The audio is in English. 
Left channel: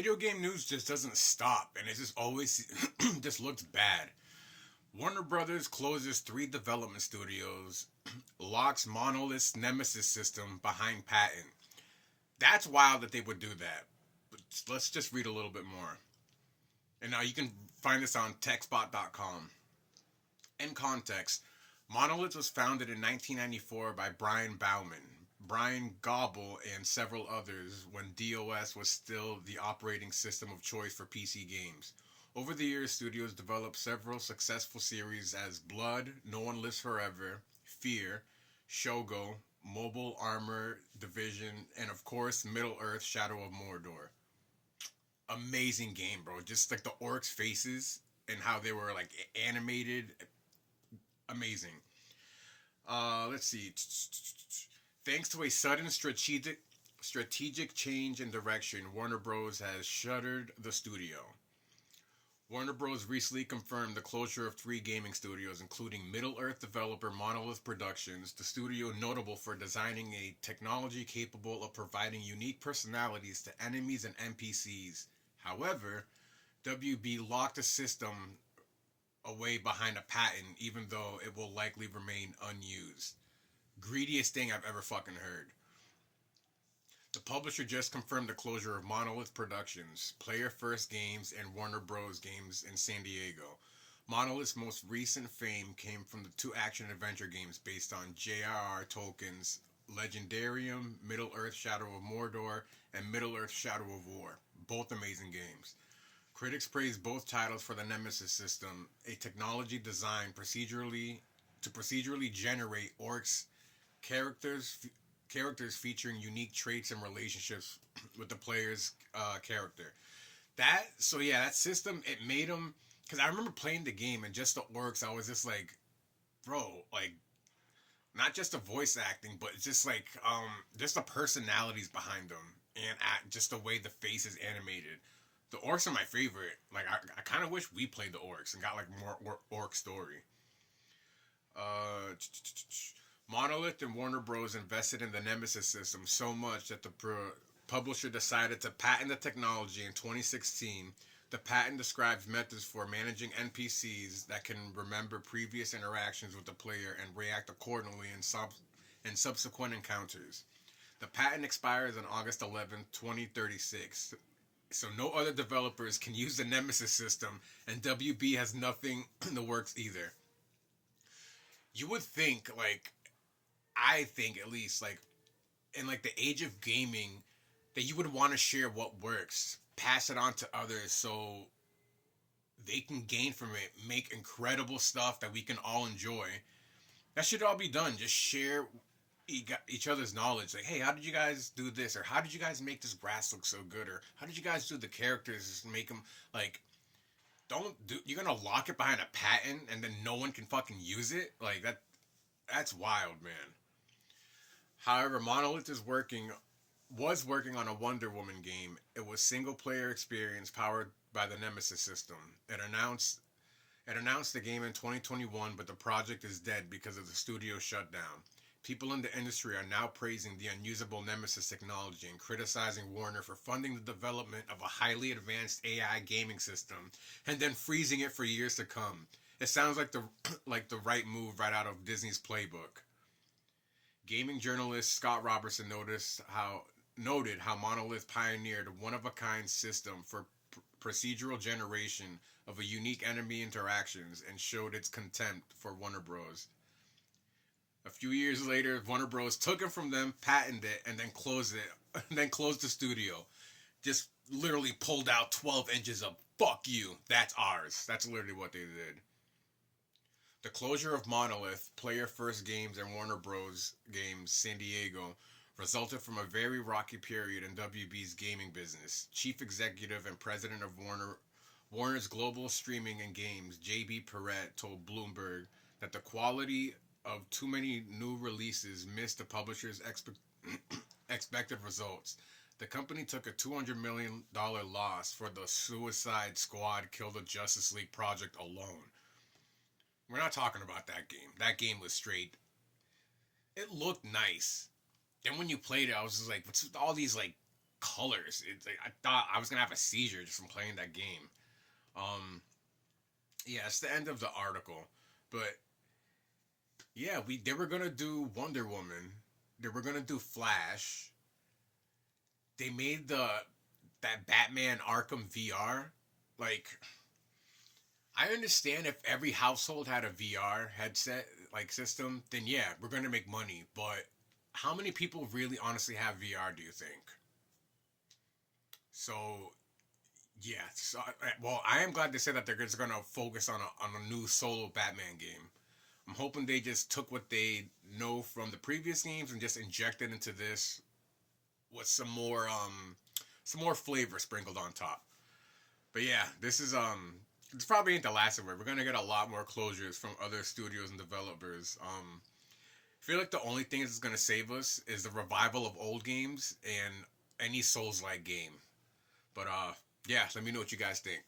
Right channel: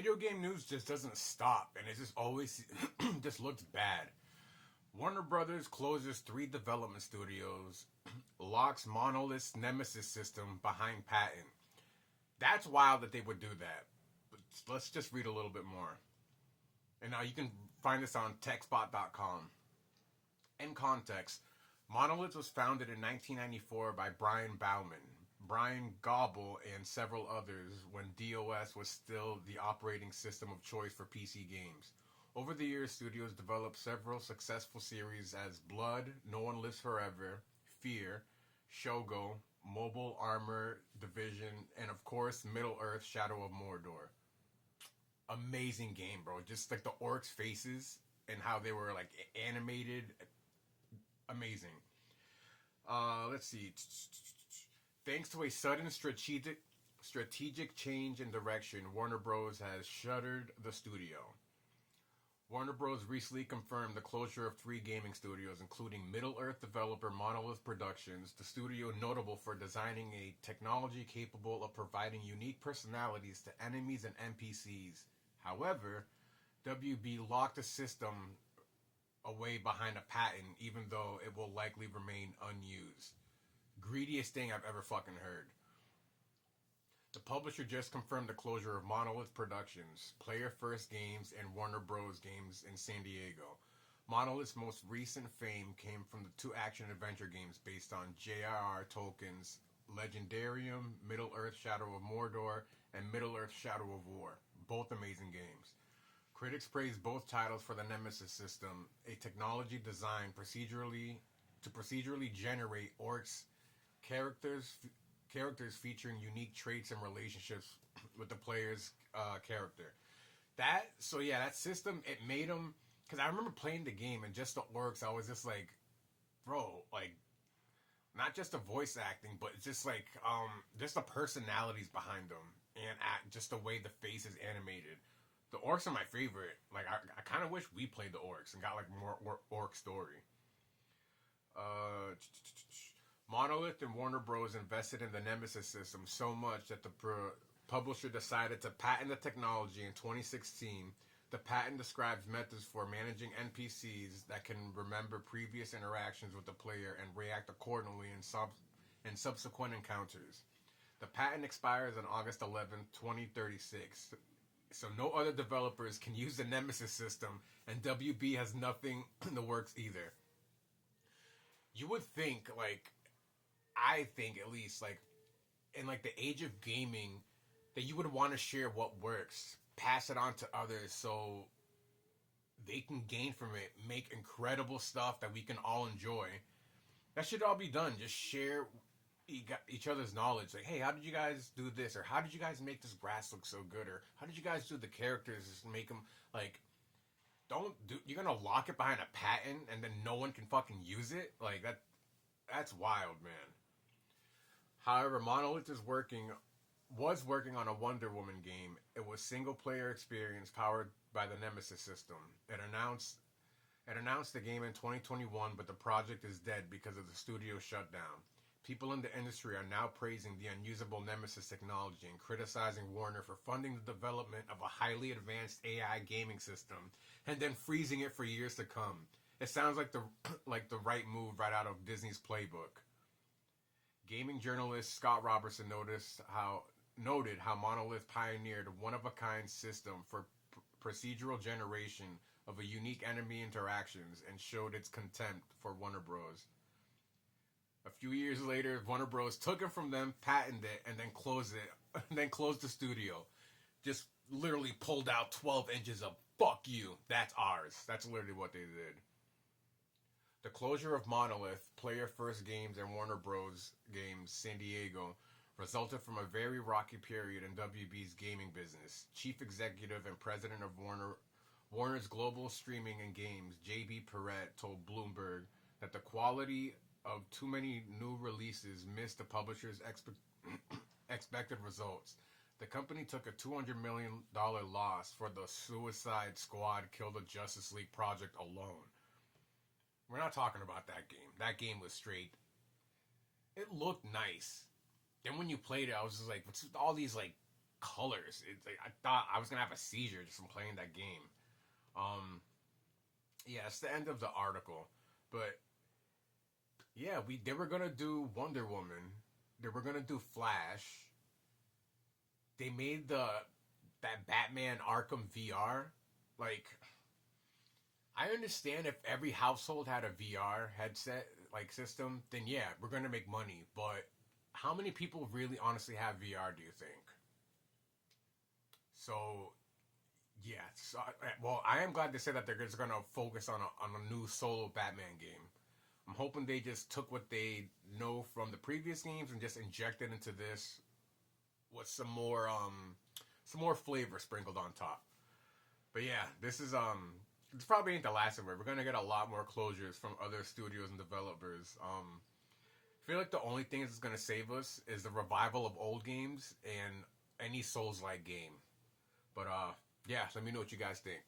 video game news just doesn't stop, and it just always just looks bad. Warner Brothers closes three development studios, locks Monolith's Nemesis system behind patent. That's wild that they would do that. But let's just read a little bit more. And now you can find this on techspot.com. In context, Monolith was founded in 1994 by Brian Bauman, Brian Gobble, and several others when DOS was still the operating system of choice for PC games. Over the years, studios developed several successful series as Blood, No One Lives Forever, Fear, Shogo, Mobile Armor Division, and of course, Middle Earth Shadow of Mordor. Amazing game, bro. Just like the orcs' faces and how they were like animated. Amazing. Let's see. Thanks to a sudden strategic change in direction, Warner Bros. Has shuttered the studio. Warner Bros. Recently confirmed the closure of three gaming studios, including Middle-earth developer Monolith Productions, the studio notable for designing a technology capable of providing unique personalities to enemies and NPCs. However, WB locked the system away behind a patent, even though it will likely remain unused. Greediest thing I've ever fucking heard. The publisher just confirmed the closure of Monolith Productions, Player First Games, and Warner Bros. Games in San Diego. Monolith's most recent fame came from the two action-adventure games based on J.R.R. Tolkien's Legendarium, Middle-earth Shadow of Mordor, and Middle-earth Shadow of War. Both amazing games. Critics praised both titles for the Nemesis system, a technology designed to procedurally generate orcs characters featuring unique traits and relationships with the player's character. That system, it made them, because I remember playing the game and just the orcs, I was just like, bro, like, not just the voice acting, but just like just the personalities behind them and just the way the face is animated. The orcs are my favorite. Like, I kind of wish we played the orcs and got like more orc story. Uh, Monolith and Warner Bros. Invested in the Nemesis system so much that the publisher decided to patent the technology in 2016. The patent describes methods for managing NPCs that can remember previous interactions with the player and react accordingly in subsequent encounters. The patent expires on August 11th, 2036. So no other developers can use the Nemesis system, and WB has nothing in the works either. You would think, like, I think at least, like, in like the age of gaming, that you would want to share what works, pass it on to others so they can gain from it, make incredible stuff that we can all enjoy. That should all be done. Just share each other's knowledge. Like, hey, how did you guys do this? Or how did you guys make this grass look so good? Or how did you guys do the characters? Just make them like, don't do. You're gonna lock it behind a patent and then no one can fucking use it. Like that. That's wild, man. However, Monolith was working on a Wonder Woman game. It was single player experience powered by the Nemesis system. It announced the game in 2021, but the project is dead because of the studio shutdown. People in the industry are now praising the unusable Nemesis technology and criticizing Warner for funding the development of a highly advanced AI gaming system and then freezing it for years to come. It sounds like the like the right move right out of Disney's playbook. Gaming journalist Scott Robertson noted how Monolith pioneered a one-of-a-kind system for procedural generation of a unique enemy interactions and showed its contempt for Warner Bros. A few years later, Warner Bros. Took it from them, patented it, and then closed it, and then closed the studio. Just literally pulled out 12 inches of "fuck you, that's ours." That's literally what they did. The closure of Monolith, Player First Games, and Warner Bros. Games San Diego resulted from a very rocky period in WB's gaming business. Chief executive and president of Warner's Global Streaming and Games, JB Perrette, told Bloomberg that the quality of too many new releases missed the publisher's expected results. The company took a $200 million loss for the Suicide Squad Kill the Justice League project alone. We're not talking about that game. That game was straight. It looked nice. Then when you played it, I was just like, what's with all these like colors. It's like I thought I was gonna have a seizure just from playing that game. Um, yeah, it's the end of the article, but yeah, they were gonna do Wonder Woman. They were gonna do Flash. They made that Batman Arkham VR. Like, I understand if every household had a VR headset like system, then yeah, we're gonna make money. But how many people really honestly have VR? Do you think? So yeah, well, I am glad to say that they're just gonna focus on a new solo Batman game. I'm hoping they just took what they know from the previous games and just injected into this with some more flavor sprinkled on top. But yeah, this probably ain't the last of it. We're gonna get a lot more closures from other studios and developers. I feel like the only thing that's gonna save us is the revival of old games and any Souls like game. But yeah, let me know what you guys think.